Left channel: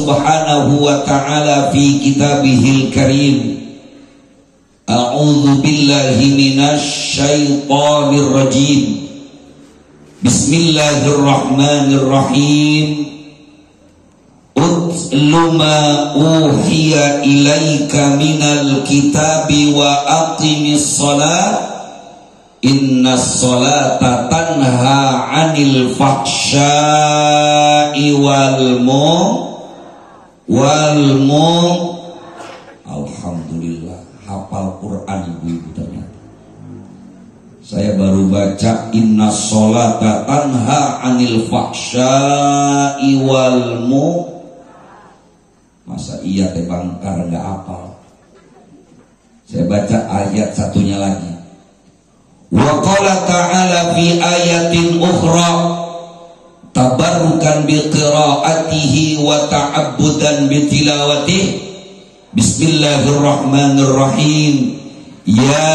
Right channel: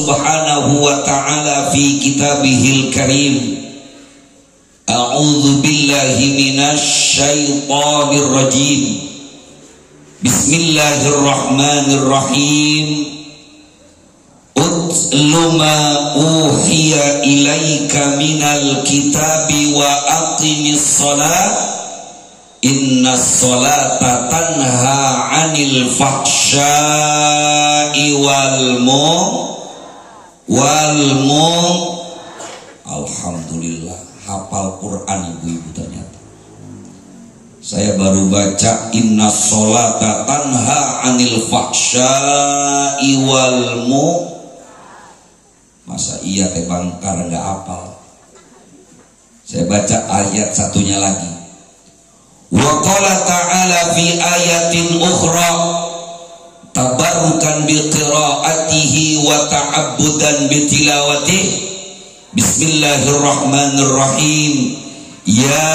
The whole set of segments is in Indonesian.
subhanahu wa ta'ala fi kitabihil karim. A'udzu billahi minasy syaithanir rajim. Bismillahirrahmanirrahim. Utlu ma uhiya ilaika minal kitabi wa aqimis shalah. Innas sholata tanha 'anil fahsya'i wal Alhamdulillah, hafal Quran ibu-ibu ternyata. Saya baru baca innas sholata tanha 'anil fahsya'i wal Masa iya teh Bangkar enggak hafal. Saya baca ayat satunya lagi. Wa qala ta'ala fi ayatin ukhra tabarrukan bi qiraatihi wa ta'abbudan bi tilawatihi. Bismillahirrahmanirrahim. Ya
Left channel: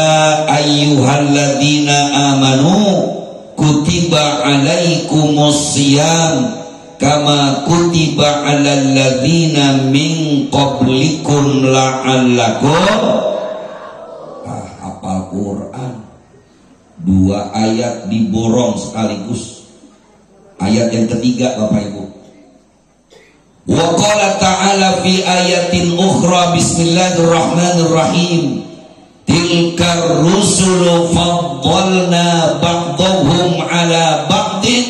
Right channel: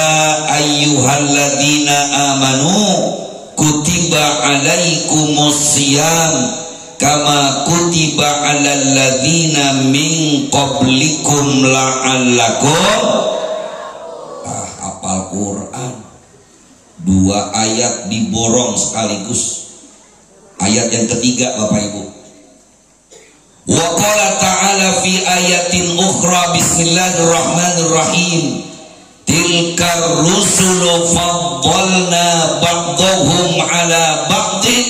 ayyuhalladzina amanu kutiba alaikumus shiyam kama kutiba alal ladzina min qablikum la'allakum hafal Quran. Dua ayat diborong sekaligus. Ayat yang ketiga Bapak Ibu. Wa qala ta'ala fi ayatin ukhra bismillahirrahmanirrahim. Tilkar rusulu faddalna ba'dahum ala ba'din.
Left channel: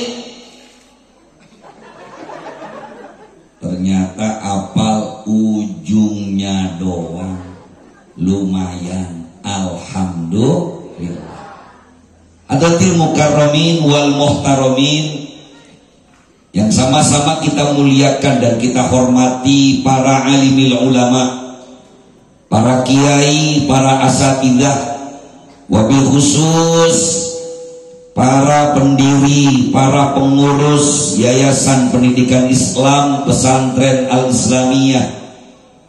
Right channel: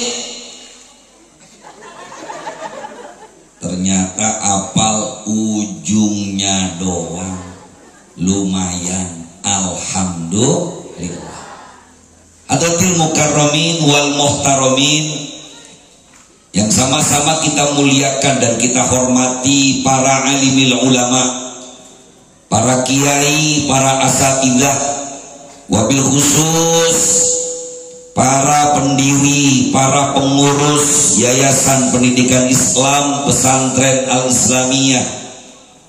Ternyata apal ujungnya doang. Lumayan. Alhamdulillah. Adatil mukarramin wal muhtaramin, yang sama-sama kita muliakan dan kita hormati para alimil ulama, para kiai, para asatidzah, wabil khusus para pendiri, para pengurus Yayasan Pendidikan Islam Pesantren Al-Islamiyah.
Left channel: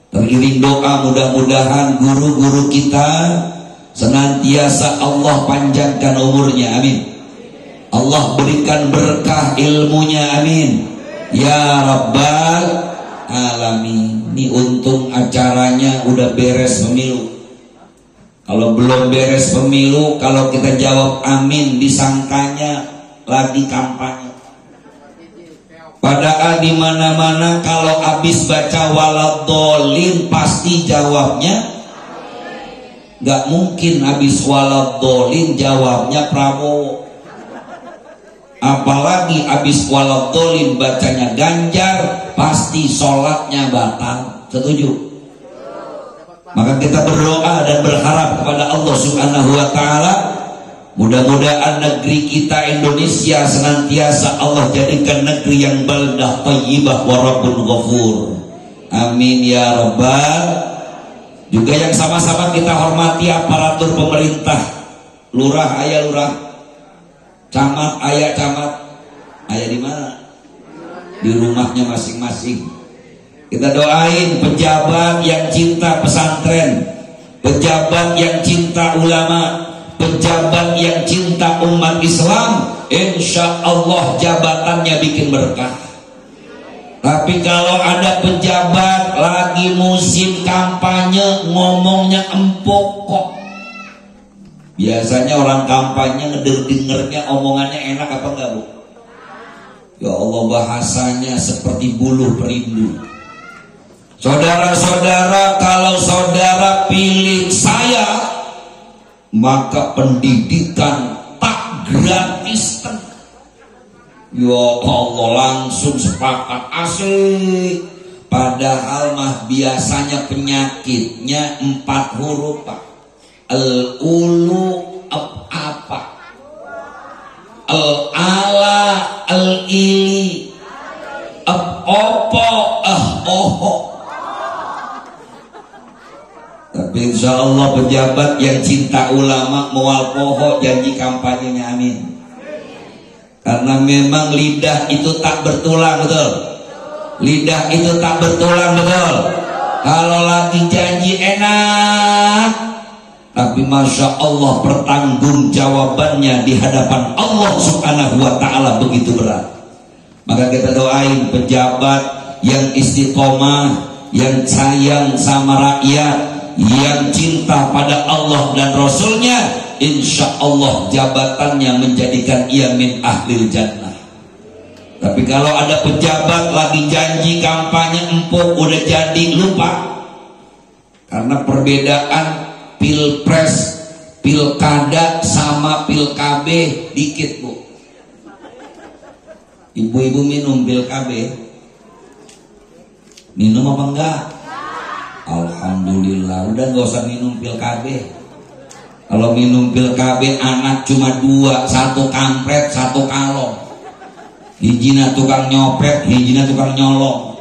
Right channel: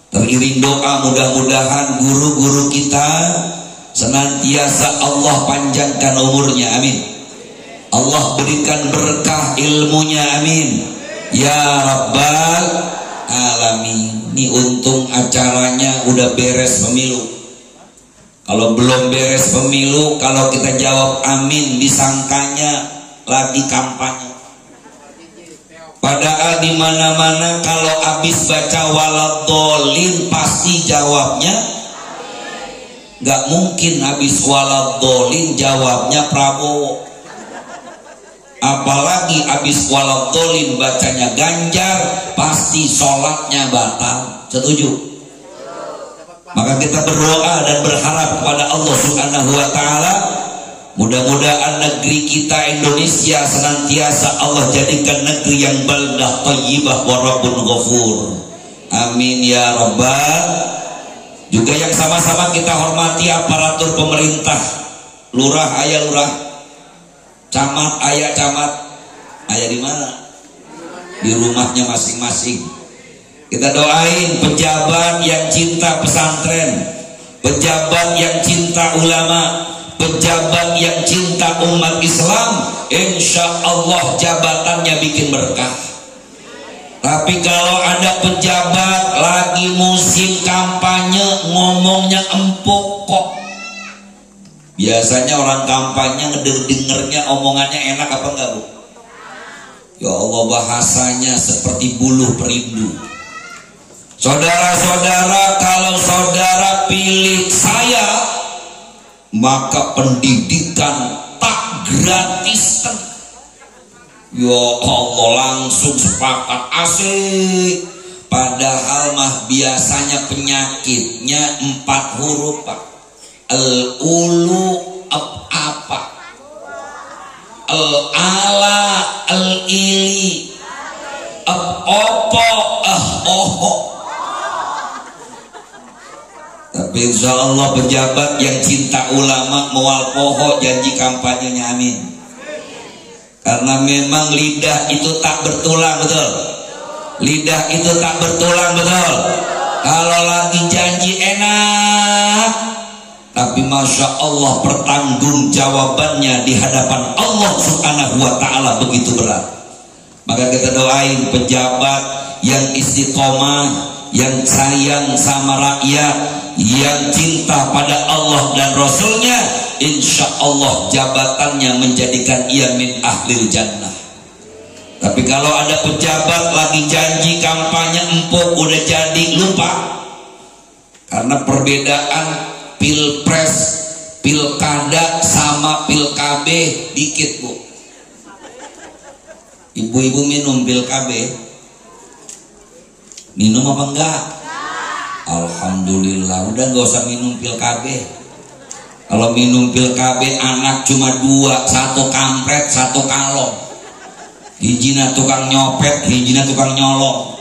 Teriring doa mudah-mudahan guru-guru kita senantiasa Allah panjangkan umurnya, amin. Allah berikan berkah ilmunya, amin. Ya Rabbal Alamin. Ini untung acaranya udah beres pemilu. Kalau belum beres pemilu, kalau kita jawab amin, disangkanya lagi kampanye. Padahal di mana-mana kalau habis baca waladhdallin pasti jawabnya. Gak mungkin habis waladhdallin jawabnya Prabowo. Apalagi habis waladhdallin bacanya Ganjar, pasti sholatnya batal. Setuju? Maka kita berdoa dan berharap kepada Allah Subhanahu wa ta'ala, mudah-mudahan negeri kita Indonesia senantiasa Allah jadikan negeri yang baldah thayyibah wa rabbun ghafur. Amin ya rabbal. Juga yang sama-sama kita hormati aparatur pemerintah, lurah ayah lurah, camat ayah camat, ayah di mana? Di rumahnya masing-masing. Kita doain pejabat yang cinta pesantren, pejabat yang cinta ulama, pejabat yang cinta umat Islam. Insya Allah jabatannya bikin berkah. Tapi kalau ada pejabat lagi musim kampanye ngomongnya empuk kok. Biasanya orang kampanye dengernya omongannya enak apa enggak, Bu? Ya Allah, bahasanya seperti buluh perindu. Saudara-saudara, kalau saudara pilih saya, maka pendidikan tak gratiskan. Ya Allah, langsung sepakat, asik. Padahal mah biasanya penyakitnya 4 huruf, Pak. Al-ulu apa? Al-ala al-ili opo oho. Tapi insya Allah pejabat yang cinta ulama mual poho janji kampanyenya, amin. Karena memang lidah itu tak bertulang, betul? Lidah itu tak bertulang, betul? Kalau lagi janji enak, tapi Masya Allah pertanggung jawabannya di hadapan Allah Subhanahu wa ta'ala begitu berat. Maka kita doain pejabat yang istiqomah, yang sayang sama rakyat, yang cinta pada Allah dan Rasulnya, insya Allah jabatannya menjadikan ia min ahlil jannah. Tapi kalau ada pejabat lagi janji kampanye empuk udah jadi lupa. Karena perbedaan pilpres, pilkada sama pilkabe dikit bu. Ibu-ibu minum pilkabe? Minum apa enggak? Alhamdulillah, udah gak usah minum pilkabe. Kalau minum pilkabe anak cuma 2, 1 kampret, 1 kalong. Hijina tukang nyopet, hijina tukang nyolong.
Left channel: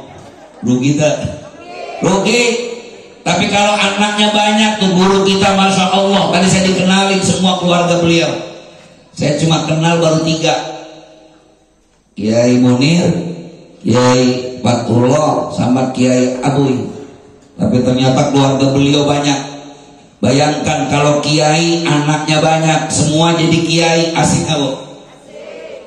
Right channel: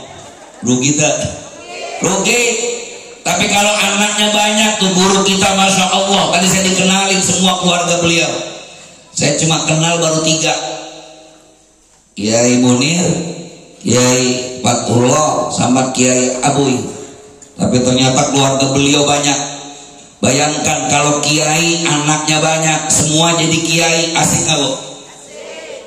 Rugi tak? Rugi. Tapi kalau anaknya banyak tuh guru kita Masya Allah. Tadi saya dikenalin semua keluarga beliau. Saya cuma kenal baru 3. Kiai Munir, Kiai Fatullah, sama Kiai Abuy. Tapi ternyata keluarga beliau banyak. Bayangkan kalau kiai anaknya banyak, semua jadi kiai, asik gak bu?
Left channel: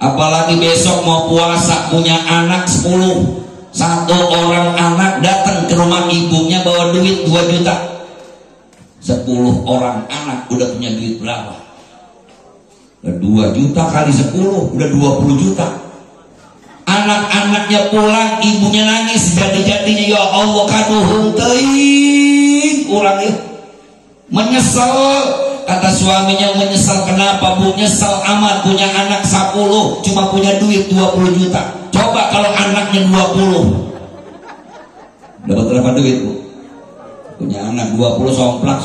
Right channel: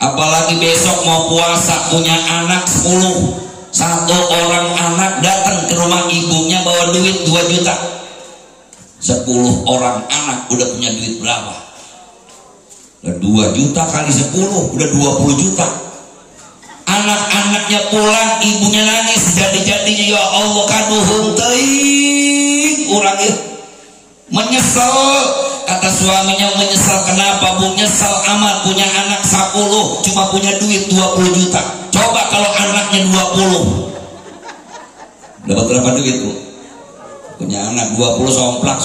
Apalagi besok mau puasa punya anak 10. 1 orang anak datang ke rumah ibunya bawa duit 2 juta. 10 orang anak udah punya duit berapa? 2 juta kali 10 udah 20 juta. Anak-anaknya pulang, ibunya nangis jadi-jadinya, ya Allah kaduhung teuing urang ieu. Menyesal, kata suaminya, menyesal kenapa bu? Nyesal amat punya anak 10 cuma punya duit 20 juta. Coba kalau anaknya 20, dapat berapa duit bu? Punya anak 20 somplak.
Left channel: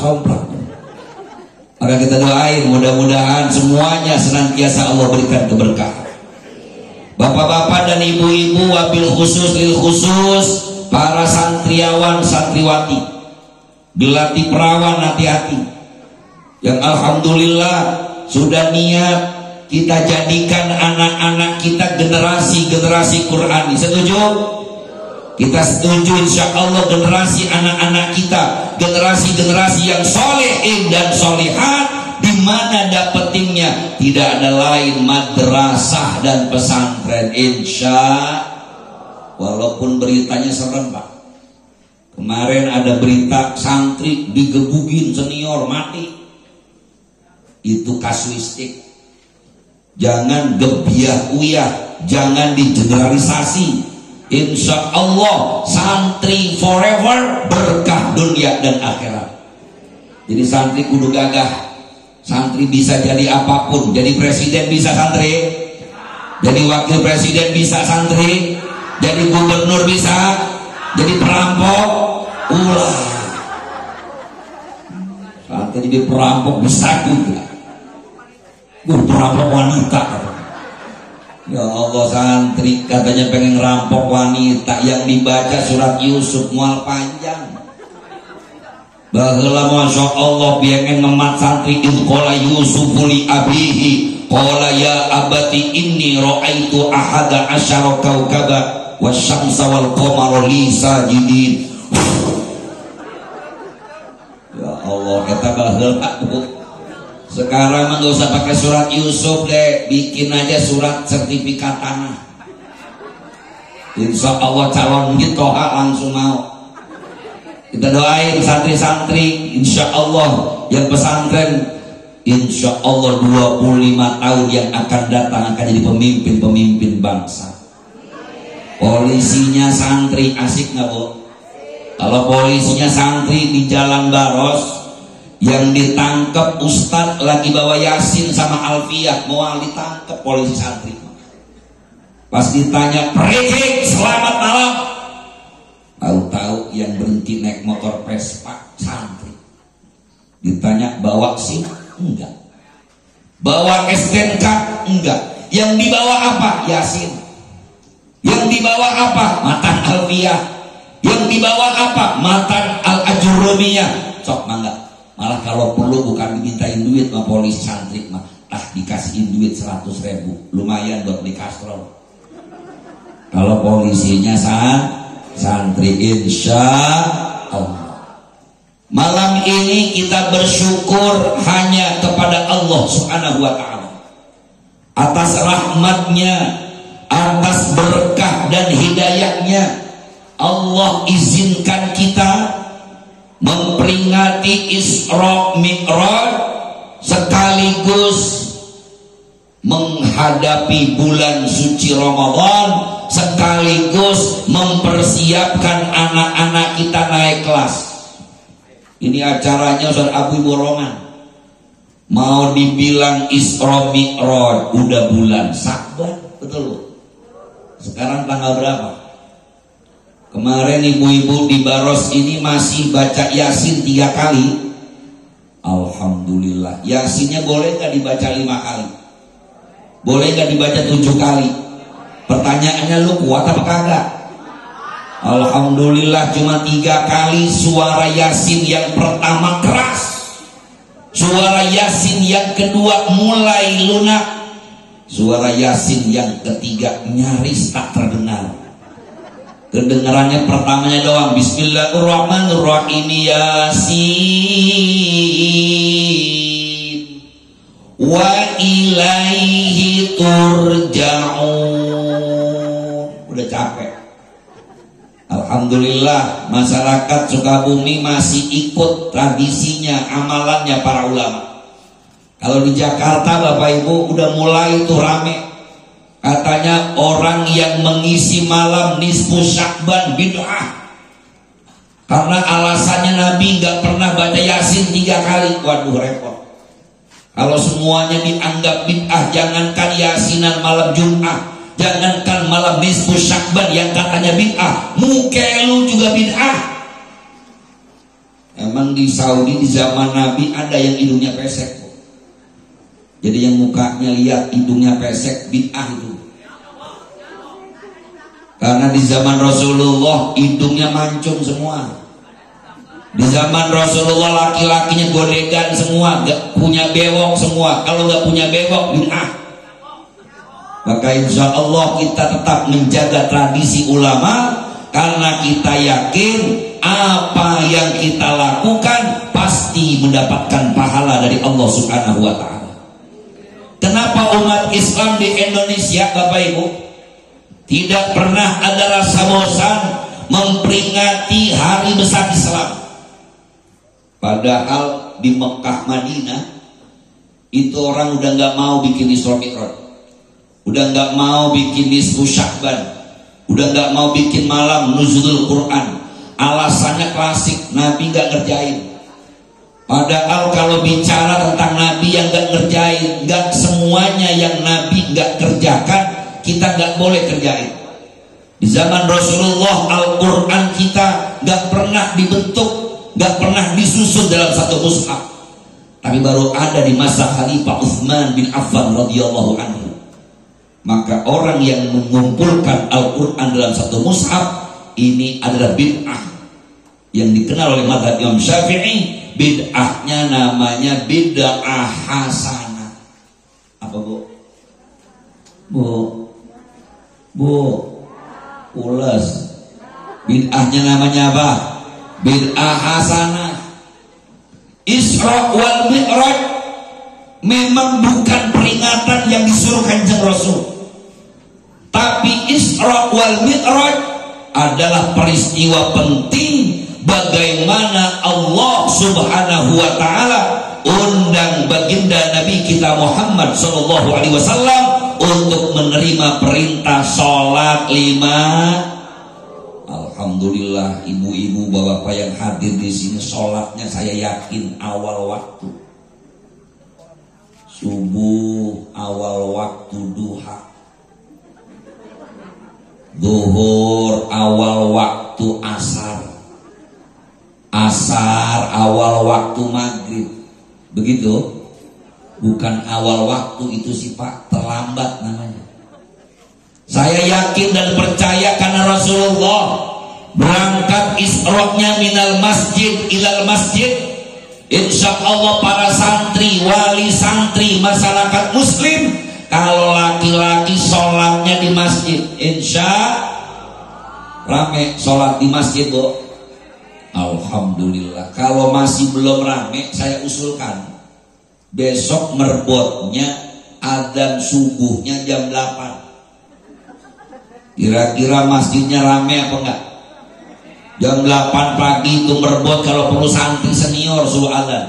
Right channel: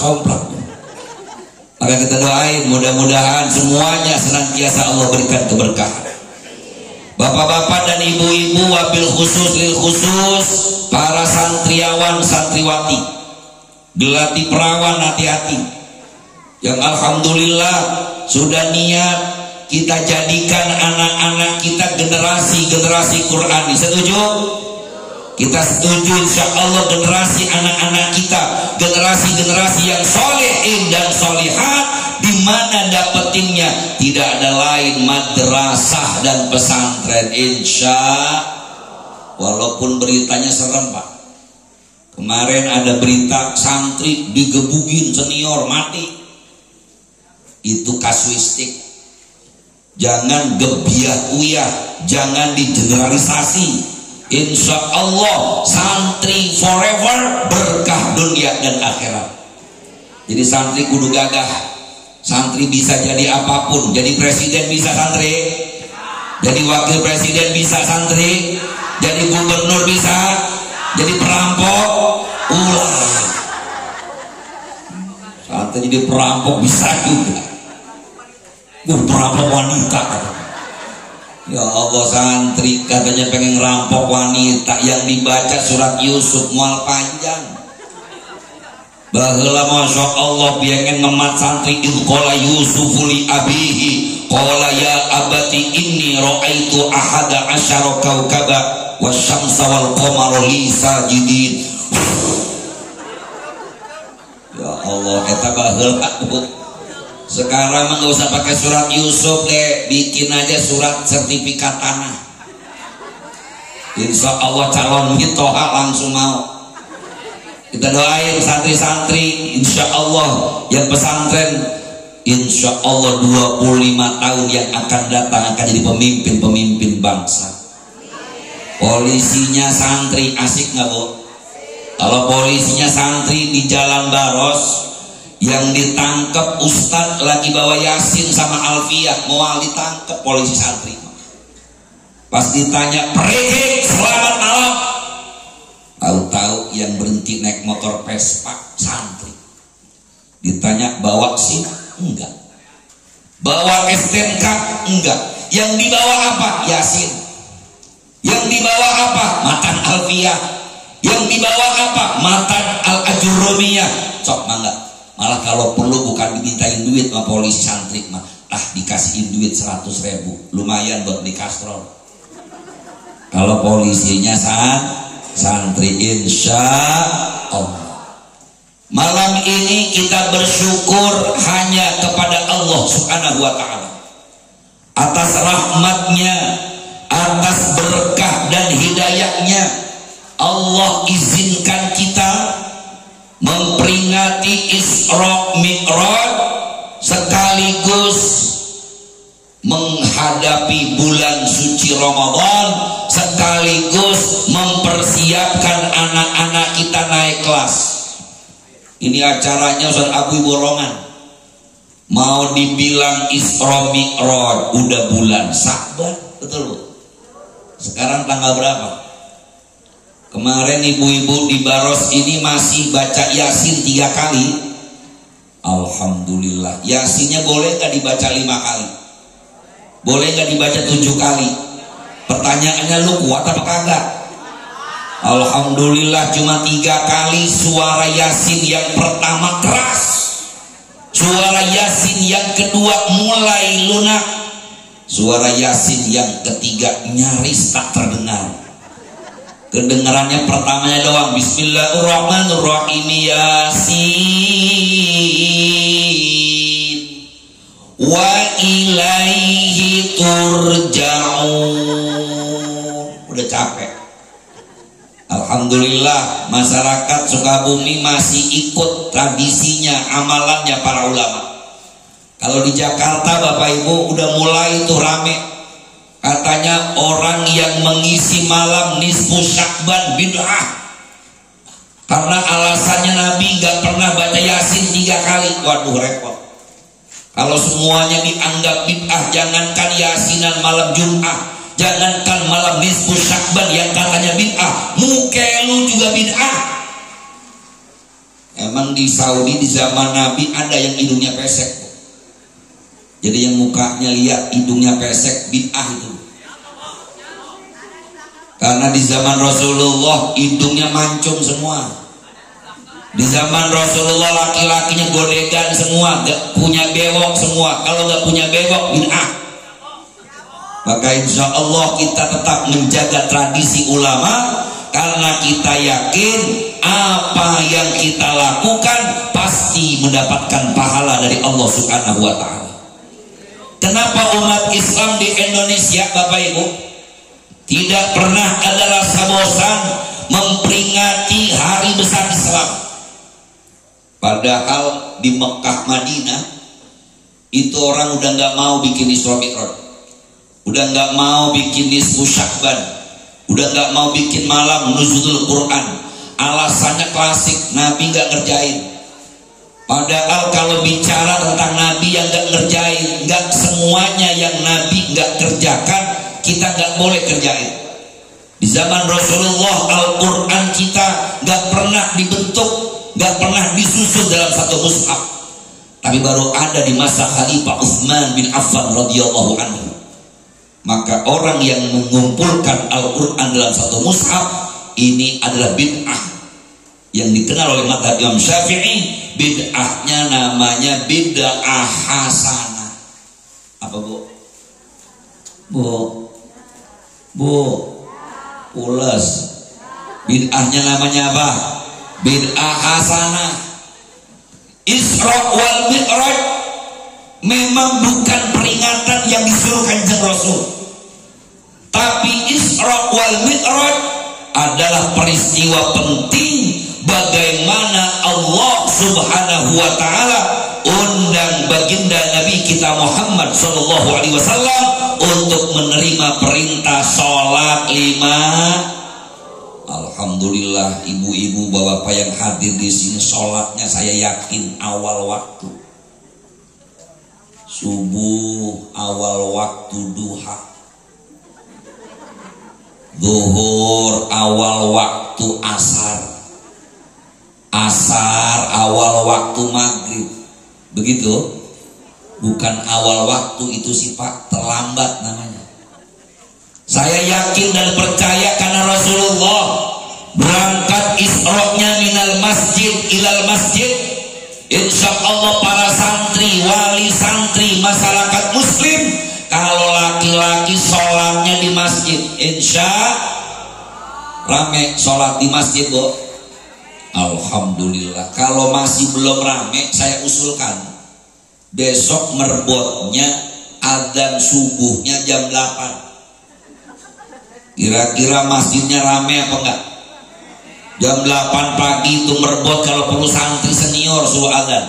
Maka kita doain mudah-mudahan semuanya senantiasa Allah berikan keberkahan. Bapak-bapak dan ibu-ibu, wabil khusus lil khusus para santriawan santriwati, dilatih perawan hati-hati, yang alhamdulillah sudah niat kita jadikan anak-anak kita generasi Qurani. Setuju? Kita setuju insya Allah generasi anak-anak kita generasi yang solehin dan solehat, di mana dapetinnya tidak ada lain madrasah dan pesantren insya. Walaupun beritanya serem pak. Kemarin ada berita santri digebugin senior mati. Itu kasuistik. Jangan gebiah uyah, jangan digeneralisasi. Insya Allah santri forever, berkah dunia dan akhirat. Jadi santri kudu gagah. Santri bisa jadi apapun. Jadi presiden bisa santri, jadi wakil presiden bisa santri, jadi gubernur bisa, jadi perampok ulah. Santri jadi perampok bisa juga. Perampok wanita. Ya Allah, santri katanya pengen ngerampok wanita, yang dibaca surat Yusuf mual panjang. Baheula masya Allah pengen ngemat santri qala Yusufu li abihi qala ya abati inni ra'aitu ahada asyara kaukaba wasyamsa wal qamara li sajidin. Ya Allah, eta baheula Bu. Sekarang mah gak usah pakai surat Yusuf deh, bikin aja surat sertifikat tanah. Insya Allah calon Toha langsung mau. Kita doain santri-santri, insya Allah yang pesantren, insya Allah 25 tahun yang akan datang akan jadi pemimpin bangsa. Polisinya santri, asik gak bu? Kalau polisinya santri di Jalan Baros, yang ditangkap ustadz lagi bawa Yasin sama Alfiyah, mau ditangkap polisi santri. Pas ditanya, "Pergi, selamat malam." Tahu-tahu yang berhenti naik motor Vespa santri. Ditanya, "Bawa SIM?" Enggak. "Bawa STNK?" Enggak. Yang dibawa apa? Yasin. Yang dibawa apa? Matan Alfiyah. Yang dibawa apa? Matan Al-Ajurumiyah. Sok mangga. Malah kalau perlu bukan dimintain duit sama polisi santri mah, dikasihin duit 100.000, lumayan buat beli kastrol. Kalau polisinya santri, insya Allah. Malam ini kita bersyukur hanya kepada Allah Subhanahu wa ta'ala atas rahmatnya, atas berkah dan hidayahnya. Allah izinkan kita memperingati Isra Mi'raj sekaligus menghadapi bulan suci Ramadan, sekaligus mempersiapkan anak-anak kita naik kelas. Ini acaranya Ustaz Abu Borongan. Mau dibilang Isra Mi'raj udah bulan Sa'ban, betul Bu? Sekarang tanggal berapa? Kemarin ibu-ibu di Baros ini masih baca Yasin 3 kali. Alhamdulillah. Yasinnya boleh gak dibaca 5 kali? Boleh gak dibaca 7 kali? Pertanyaannya, lu kuat apa kagak? Alhamdulillah cuma 3 kali. Suara Yasin yang pertama keras, suara Yasin yang kedua mulai lunak, suara Yasin yang ketiga nyaris tak terdengar. Kedengarannya pertamanya doang. Bismillahirrahmanirrahim. Yasin wa ilaihi turja'un. Udah capek. Alhamdulillah masyarakat Sukabumi masih ikut tradisinya, amalannya para ulama. Kalau di Jakarta Bapak Ibu udah mulai tuh rame. Katanya orang yang mengisi malam nisfu Sya'ban bid'ah. Karena alasannya Nabi gak pernah baca Yasin 3 kali. Waduh repot. Kalau semuanya dianggap bid'ah, jangankan Yasinan malam Jumat, jangankan malam nisfu Sya'ban yang katanya bid'ah, mukelu juga bid'ah. Emang di Saudi di zaman Nabi ada yang hidungnya pesek. Jadi yang mukanya lihat hidungnya pesek bid'ah itu. Karena di zaman Rasulullah hidungnya mancung semua. Di zaman Rasulullah laki-lakinya godegan semua, gak punya bewok semua. Kalau gak punya bewok bid'ah. Maka insya Allah kita tetap menjaga tradisi ulama, karena kita yakin apa yang kita lakukan pasti mendapatkan pahala dari Allah Subhanahu wa Ta'ala. Kenapa umat Islam di Indonesia Bapak Ibu tidak pernah ada rasa bosan memperingati hari besar Islam? Padahal di Mekah Madinah itu orang udah gak mau bikin Isra Mi'raj, udah gak mau bikin nisfu Sya'ban, udah gak mau bikin malam nuzulul Quran. Alasannya klasik, Nabi gak ngerjain. Padahal kalau bicara tentang Nabi yang gak ngerjain, gak semuanya yang Nabi gak kerjakan kita gak boleh kerjain. Di zaman Rasulullah Al-Quran kita gak pernah dibentuk, gak pernah disusun dalam satu mushaf. Tapi baru ada di masa Khalifah Utsman bin Affan radhiyallahu anhu. Maka orang yang mengumpulkan Al-Quran dalam satu mushaf ini adalah bid'ah yang dikenal oleh mazhab Imam Syafi'i. Bid'ahnya namanya bid'ah hasanah. Apa Bu? Ulas. Bid'ahnya namanya apa? Bid'ah hasanah. Isra wal Mi'raj memang bukan peringatan yang disuruh Kanjeng Rasul, tapi Isra wal Mi'raj adalah peristiwa penting bagaimana Allah Subhanahu wa Ta'ala undang baginda Nabi kita Muhammad sallallahu alaihi wasallam untuk menerima perintah sholat 5. Alhamdulillah ibu-ibu bapak-bapak yang hadir di sini sholatnya saya yakin awal waktu. Subuh awal waktu, duha. Zuhur awal waktu, asar. Asar awal waktu, maghrib. Begitu? Bukan awal waktu itu sih Pak, terlambat namanya. Saya yakin dan percaya karena Rasulullah berangkat Isra-nya minal masjid ilal masjid. Insya Allah para santri, wali santri, masyarakat muslim, kalau laki-laki sholatnya di masjid, insya rame sholat di masjid Bu. Alhamdulillah. Kalau masih belum rame, saya usulkan besok merbotnya adzan subuhnya jam 8. Kira-kira masjidnya rame apa enggak? Jam 8 pagi itu merebut kalau perlu santri senior suruh azan.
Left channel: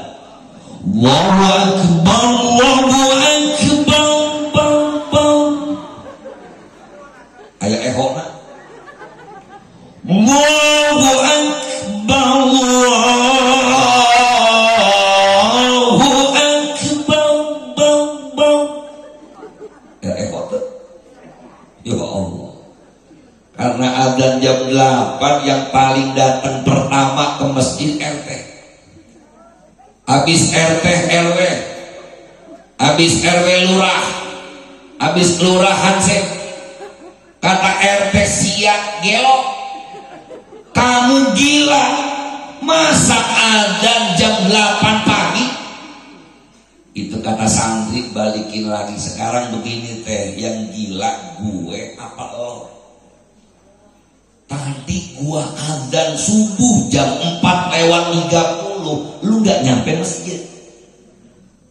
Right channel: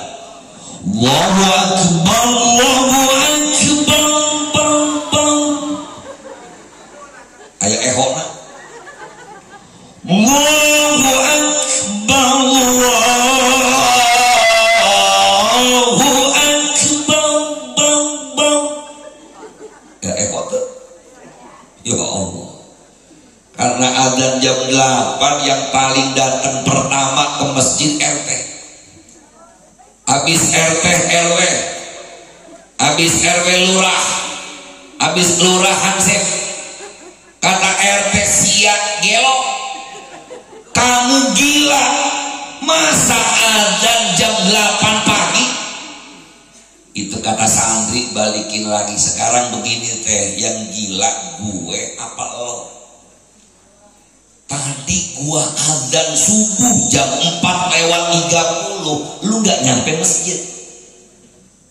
Allahu Akbar, Allahu Akbar, bang, bang. Kayak ehok nak. Allahu Akbar, Allahu Akbar, bang, bang. Ya ehok tuh. Ya Allah. Karena azan jam 8 yang paling datang pertama ke masjid RT. Habis RT RW, habis RW lurah, habis lurah hansip. Kata RT siap gelo, kamu gila, masa azan jam 8 pagi? Itu kata santri balikin lagi. Sekarang begini teh, yang gila gue apa lo? Tadi gua azan subuh jam 4:30, lu gak nyampe masjid.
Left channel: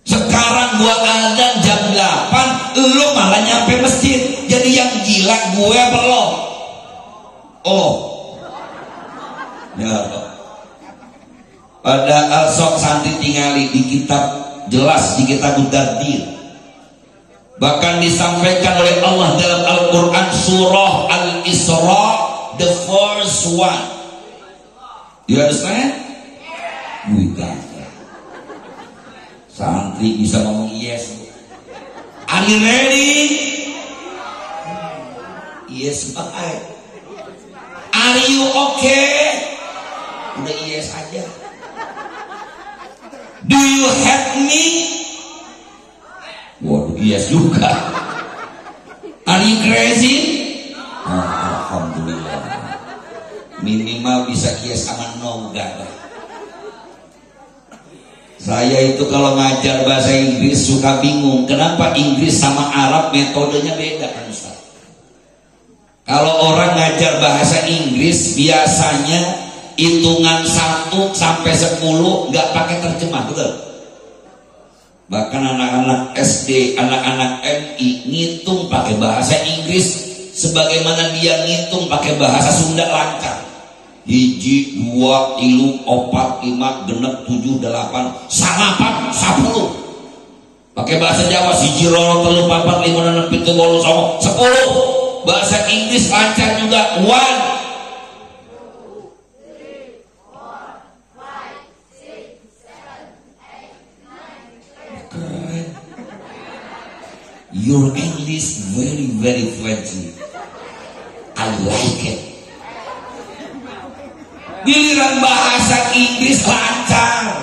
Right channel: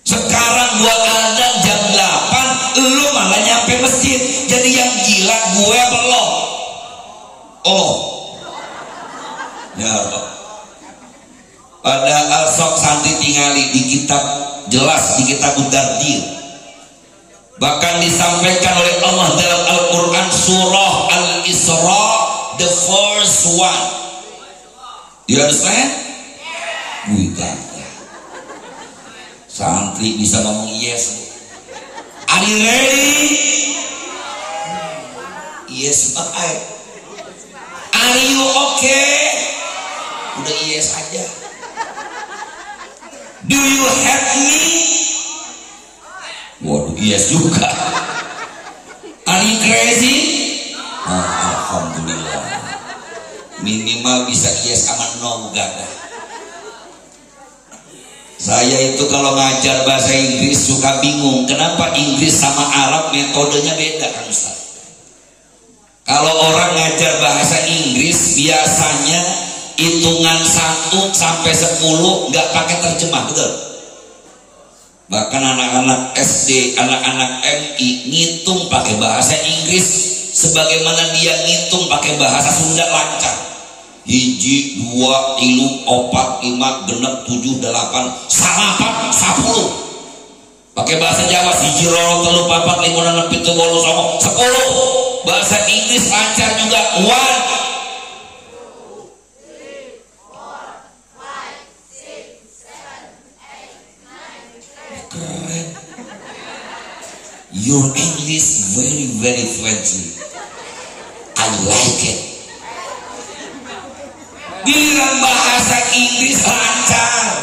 Sekarang gua azan jam 8, lu malah nyampe masjid. Jadi yang gila gue belum. Oh. Ya Allah. Padahal sok santri tingali di kitab, jelas di kitab Mudardir. Bahkan disampaikan oleh Allah dalam Al-Quran surah Al-Isra, the first one. You understand? Wih, gagah. Santri bisa ngomong yes. Are you ready? Yes, bye. Are you okay? Udah yes aja. Do you have me? Waduh, yes juga. Are you crazy? Alhamdulillah. Minimal bisa yes sama no, gak ada. Saya itu kalau ngajar bahasa Inggris suka bingung, kenapa Inggris sama Arab metodenya beda kan Ustaz? Kalau orang ngajar bahasa Inggris biasanya hitungan 1 sampai 10 nggak pakai terjemah, betul? Bahkan anak-anak SD, anak-anak MI ngitung pakai bahasa Inggris sebagaimana dia ngitung pakai bahasa Sunda lancar. 1, 2, 3, 4, 5, 6, 7, 8, 9, 10. Pakai bahasa Jawa 1, 2, 3, 4, 5, 6, 7, 8, 10. Bahasa Inggris lancar juga. 1. Your English very very fluent. I like it. Giliran bahasa Inggris lancar,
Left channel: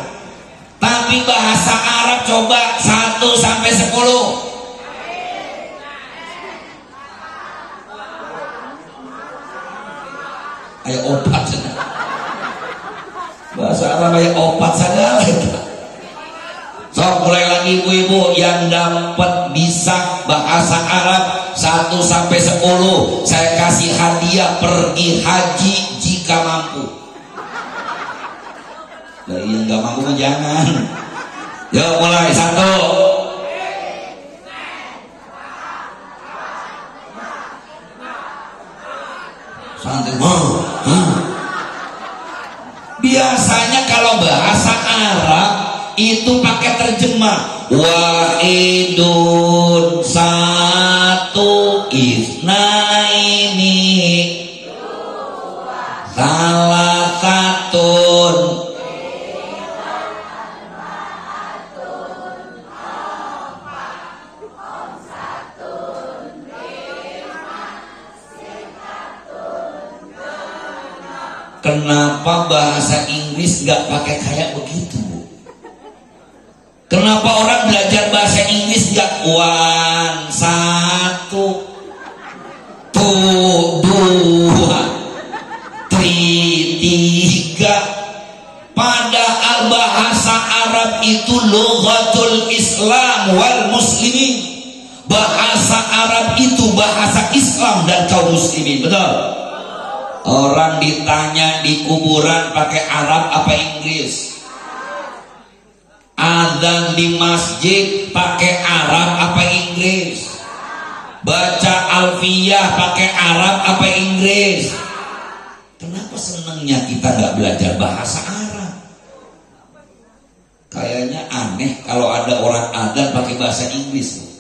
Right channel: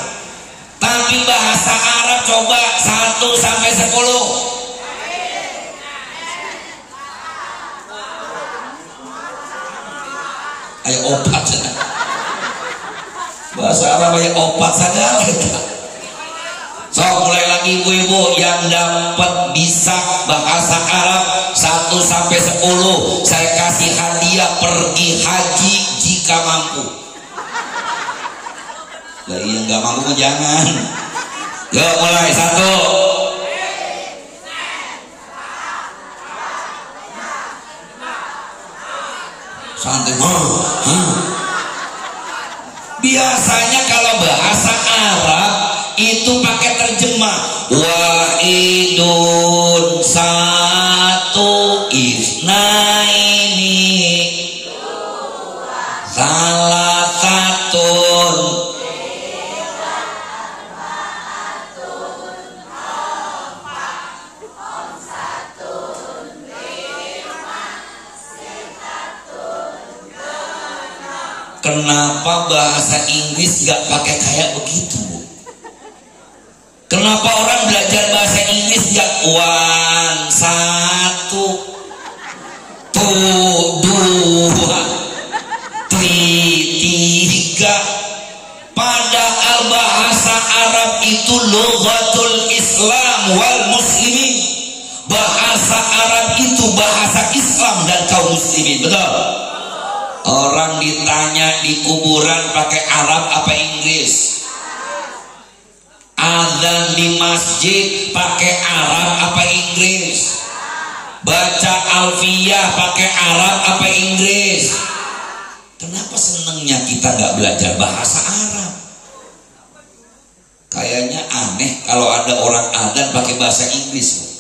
tapi bahasa Arab coba 1 sampai 10. Ayo opat saja. Bahasa Arab ayo opat saja. So mulai lagi ibu-ibu yang dapat bisa bahasa Arab 1 sampai 10, saya kasih hadiah pergi haji jika mampu. Lah yang nggak mampu jangan. Yo mulai 1. Santai. Biasanya kalau bahasa Arab itu pakai terjemah. Wahidun 1, isnaini 2, salah 1. Kenapa bahasa Inggris gak pakai kayak begitu, Bu? Kenapa orang belajar bahasa Inggris gak 1, 2, 3. Padahal bahasa Arab itu lughatul Islam wal muslimin. Bahasa Arab itu bahasa Islam dan kaum muslimin, betul? Orang ditanya di kuburan pakai Arab apa Inggris? Azan di masjid pakai Arab apa Inggris? Baca alfiyah pakai Arab apa Inggris? Kenapa senangnya kita nggak belajar bahasa Arab? Kayaknya aneh kalau ada orang adzan pakai bahasa Inggris.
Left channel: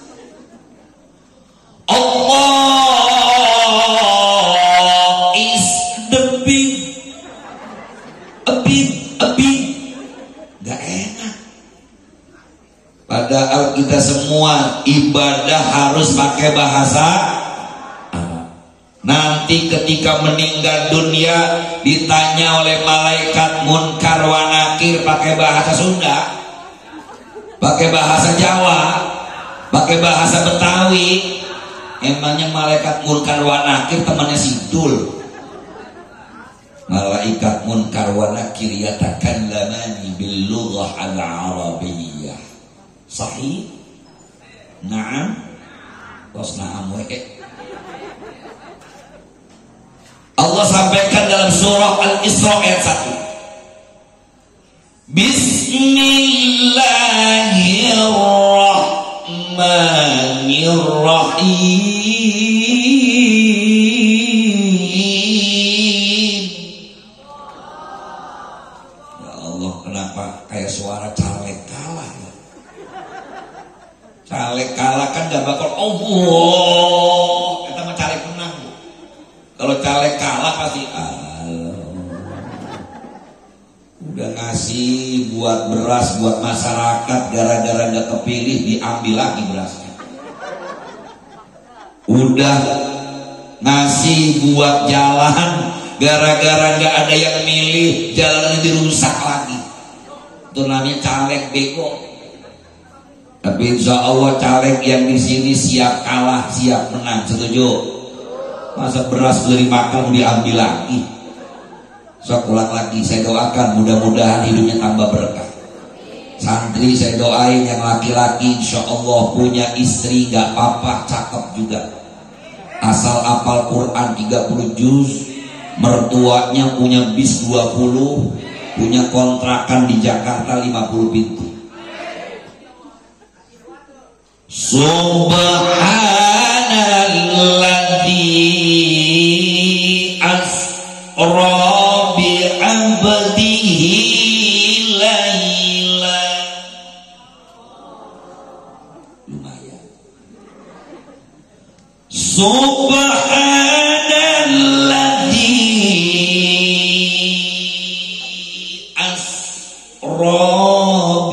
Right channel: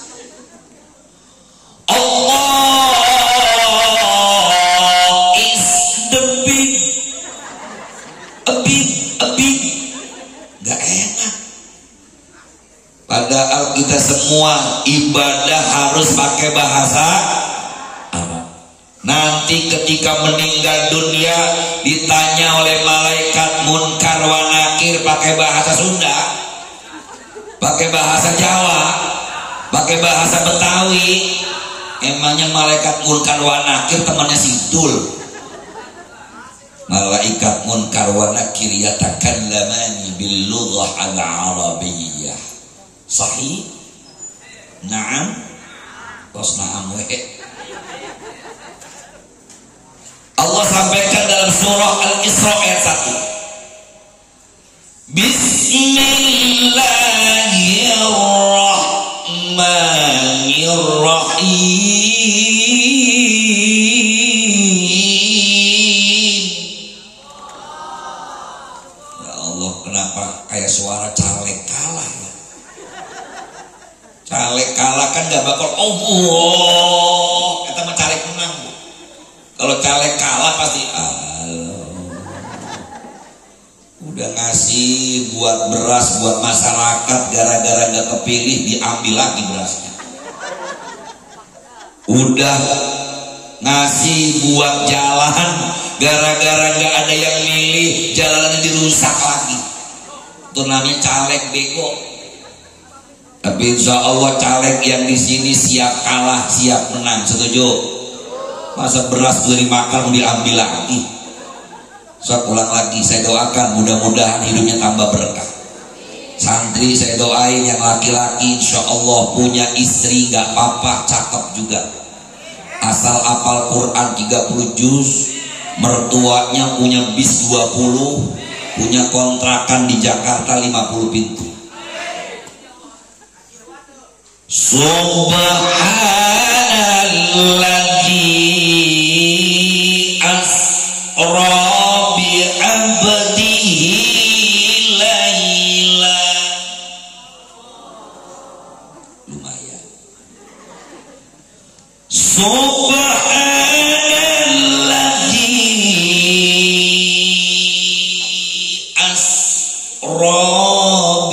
Allah is the big, a big, gak enak. Padahal kita semua ibadah harus pakai bahasa Arab. Nanti ketika meninggal dunia ditanya oleh malaikat munkar wa nakir pakai bahasa Sunda, pakai bahasa Jawa, pakai bahasa Betawi. Emangnya malaikat munkar wa nakir temannya Sidul? Malaikat munkar wa nakir yatakallamani bil lughah al arabiyyah. Sahih? Naam? Tos naam Allah sampaikan dalam surah Al-Isra ayat 1. Bismillahirrahmanirrahim. Ya Allah, kenapa kayak suara caleg kalah? Caleg kalah kan gak bakal Allah. Kita mah caleg menang. Kalau caleg kalah pasti udah ngasih buat beras buat masyarakat, gara-gara gak kepilih diambil lagi berasnya. Udah ngasih buat jalan, gara-gara gak ada yang milih, jalannya dirusak lagi. Itu namanya caleg bego. Tapi insya Allah caleg yang di sini siap kalah, siap menang. Setuju? Masa beras beli makan diambil lagi? Saya ulang lagi, saya doakan mudah-mudahan hidupnya tambah berkah. Santri saya doain yang laki-laki insya Allah punya istri gak apa-apa, cakep juga. Asal apal Quran 30 juz, mertuanya punya bis 20, punya kontrakan di Jakarta 50 pintu. Subhanalladzi asra bi abdihi laila. Lumayan. Subhanalladzi asra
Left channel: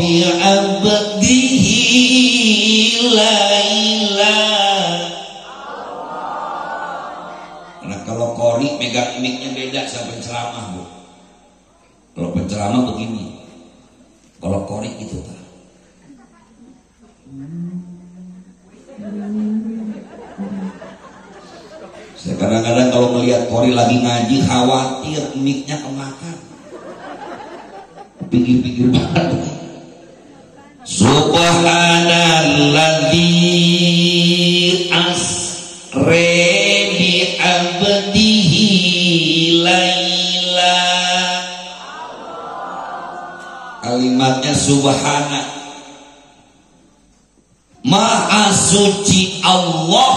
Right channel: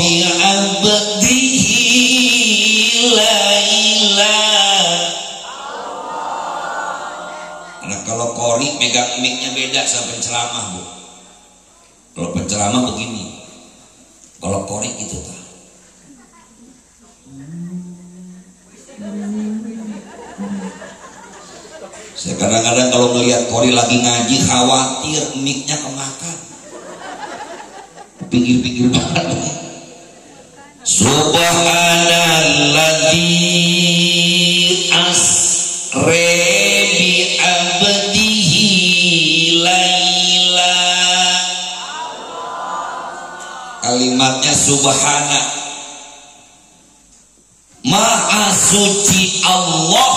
bi abdihi laila. Nah kalau qori megang mic-nya beda sama penceramah, Bu. Kalau penceramah begini, kalau qori gitu ta. Saya kadang-kadang kalau melihat qori lagi ngaji khawatir mic-nya kemakan. Pikir-pikir banget. Subhanalladzi asra bi abdihi laila. Kalimatnya subhana, maha suci Allah,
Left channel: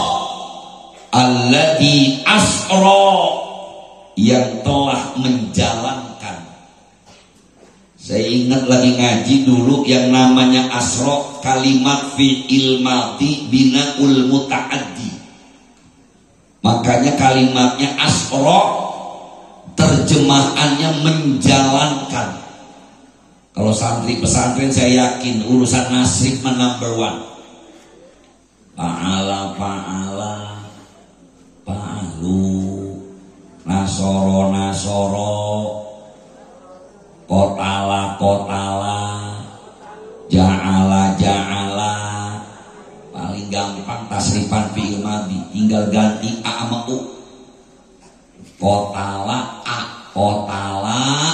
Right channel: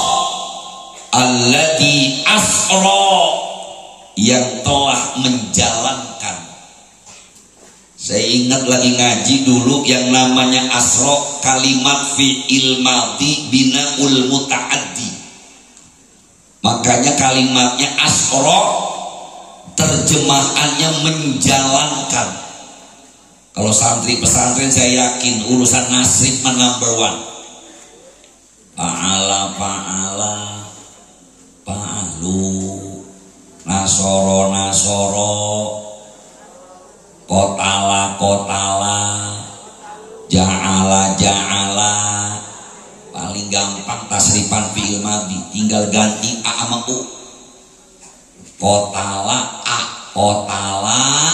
alladzi asra, yang telah menjalankan. Saya ingat lagi ngaji dulu yang namanya asra, kalimat fi'il madhi binaul muta'addi. Makanya kalimatnya asra terjemahannya menjalankan. Kalau santri pesantren saya yakin urusan nasib number 1. Fa'ala fa'ala fa'alu, nasoro nasoro, kotala kotala, ja'ala ja'ala. Paling gampang tasrifan fi'il madhi, tinggal ganti a sama u. Kotala a, kotala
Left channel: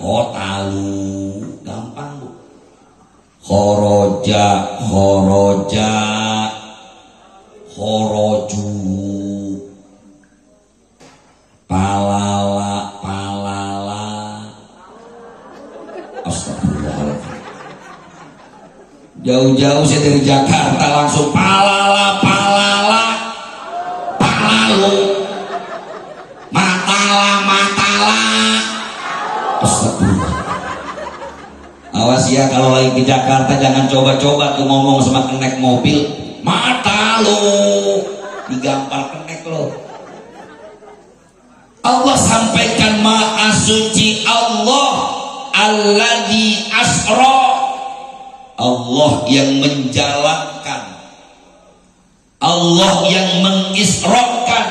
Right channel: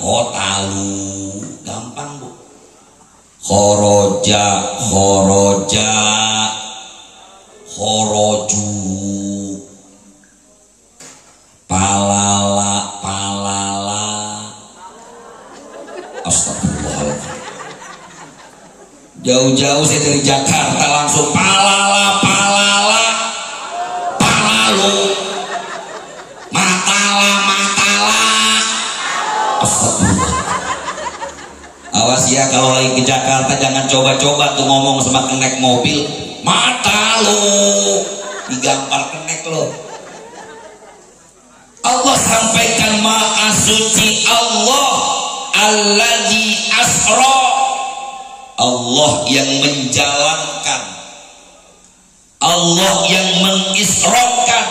kotalu, gampang Bu. Khoroja khoroja khoroju, palala palala. Astagfirullahaladzim. Jauh-jauh saya dari Jakarta langsung palala palala palalu, matala matala Astagfirullah. Awas ya kalau lagi ke Jakarta jangan coba-coba tuh ngomong sama kenek mobil. Mata lo digampar kenek lo. Allah sampaikan maha suci Allah alladzi asra, Allah yang menjalankan, Allah yang mengisrakan.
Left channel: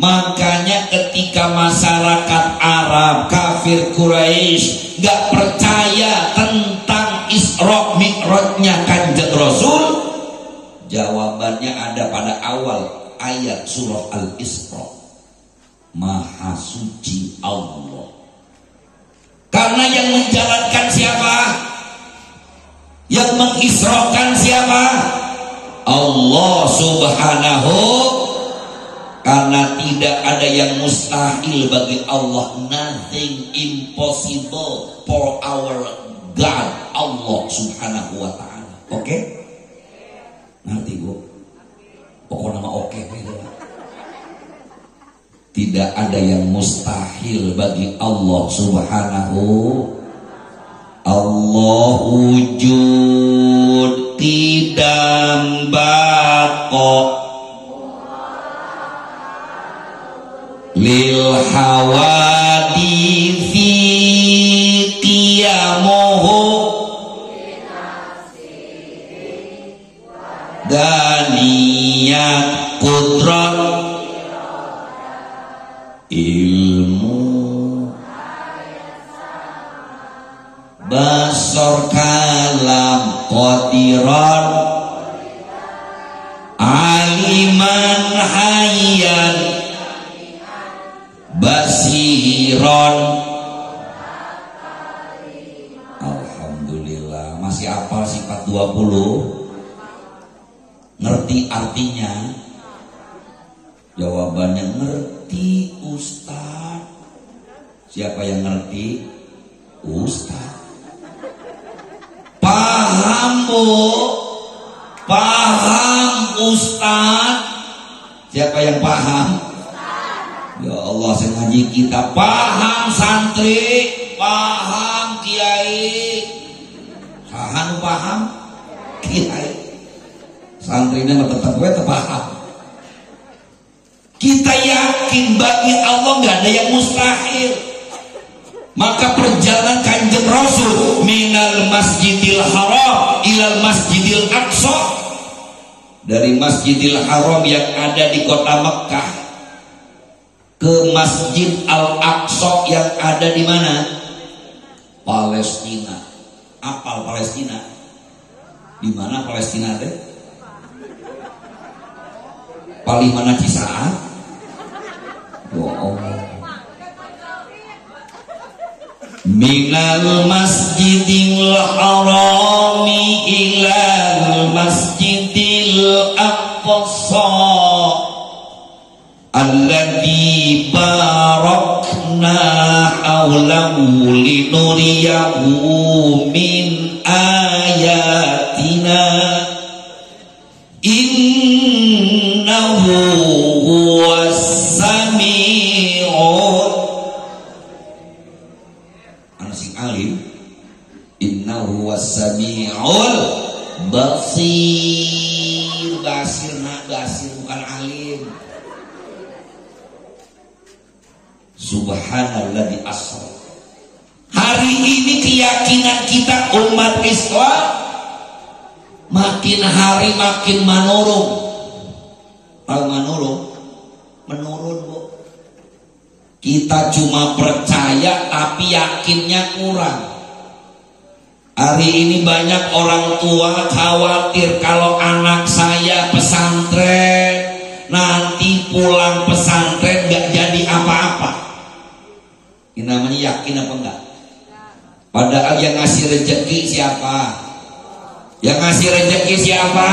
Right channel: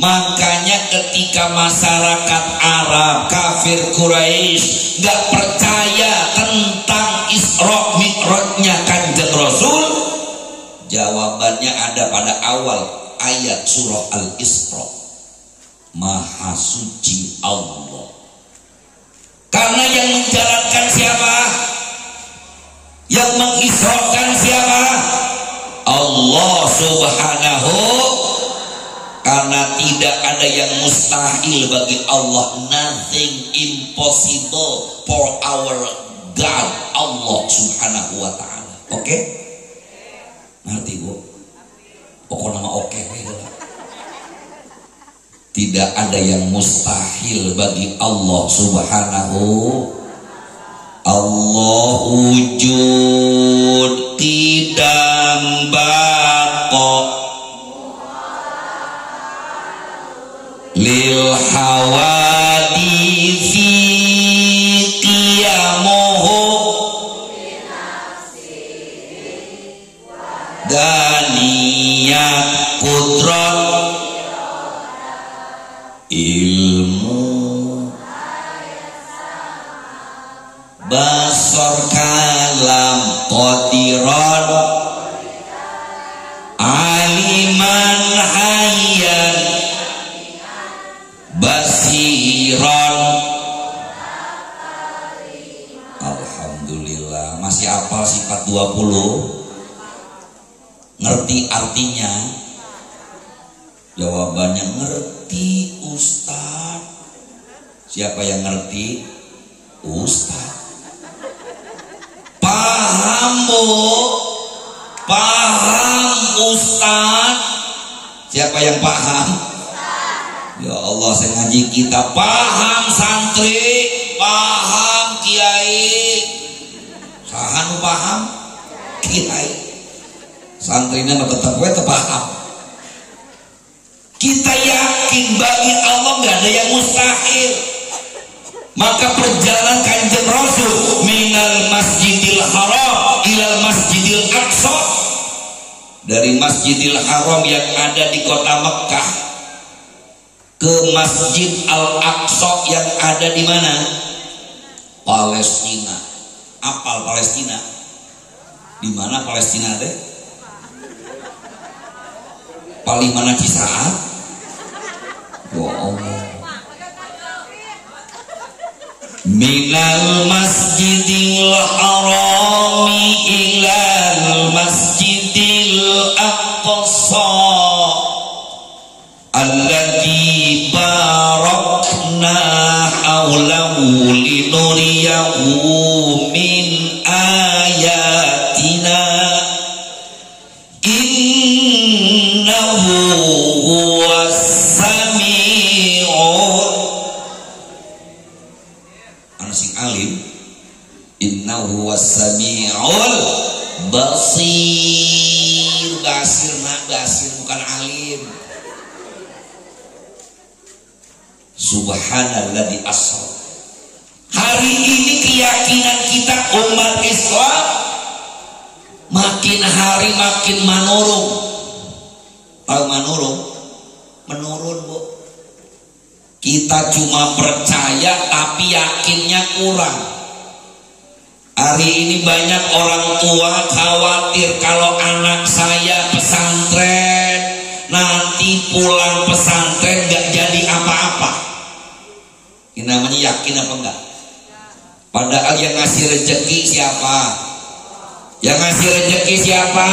Makanya ketika masyarakat Arab kafir Quraisy gak percaya tentang Isra Mi'rajnya Kanjeng Rasul, jawabannya ada pada awal ayat surah Al-Isra. Maha suci Allah. Karena yang menjalankan siapa? Yang mengisrakan siapa? Allah Subhanahu. Karena tidak ada yang mustahil bagi Allah. Nothing impossible for our God, Allah Subhanahu wa ta'ala. Oke? Ngerti bu? Pokoknya nama oke. Tidak ada yang mustahil bagi Allah Subhanahu. Allah wujud tidak baqa lil hawadithi qiyamuhu daniyat kudrat ilmu basar kalam qadiran aliman hayyan basiron. Alhamdulillah masih hafal sifat 20. Ngerti artinya? Jawabannya ngerti Ustaz. Siapa yang ngerti? Ustaz. Paham bu? Paham Ustaz? Siapa yang paham? Ya Allah, saya ngaji kita paham santri, paham kiai, sahan paham kiai, santrinya mah tetap gue paham. Kita yakin bagi Allah nggak ada yang mustahil. Maka perjalanan Kanjeng Rasul minal Masjidil Haram ilal Masjidil Aqsa, dari Masjidil Haram yang ada di kota Mekkah ke Masjid Al-Aqsa yang ada di mana? Palestina. Apal Palestina? Di mana Palestina teh? Paling mana Kisah? Wow. Minal Masjidil Haram ilal Masjidil Aqsa alladzi barakna haulahu linuriyahu min ayatina innahu huwas sami'ul anasing alim innahu huwas sami'ul basir. Basir bukan alim. Subhanalladzi asra. Hari ini keyakinan kita umat Islam makin hari makin menurun. Tahu menurun? Menurun bu. Kita cuma percaya tapi yakinnya kurang. Hari ini banyak orang tua khawatir kalau anak saya pesantren, nanti pulang pesantren gak jadi apa-apa. Ini namanya yakin apa enggak? Padahal yang ngasih rezeki siapa? Yang ngasih rezeki siapa?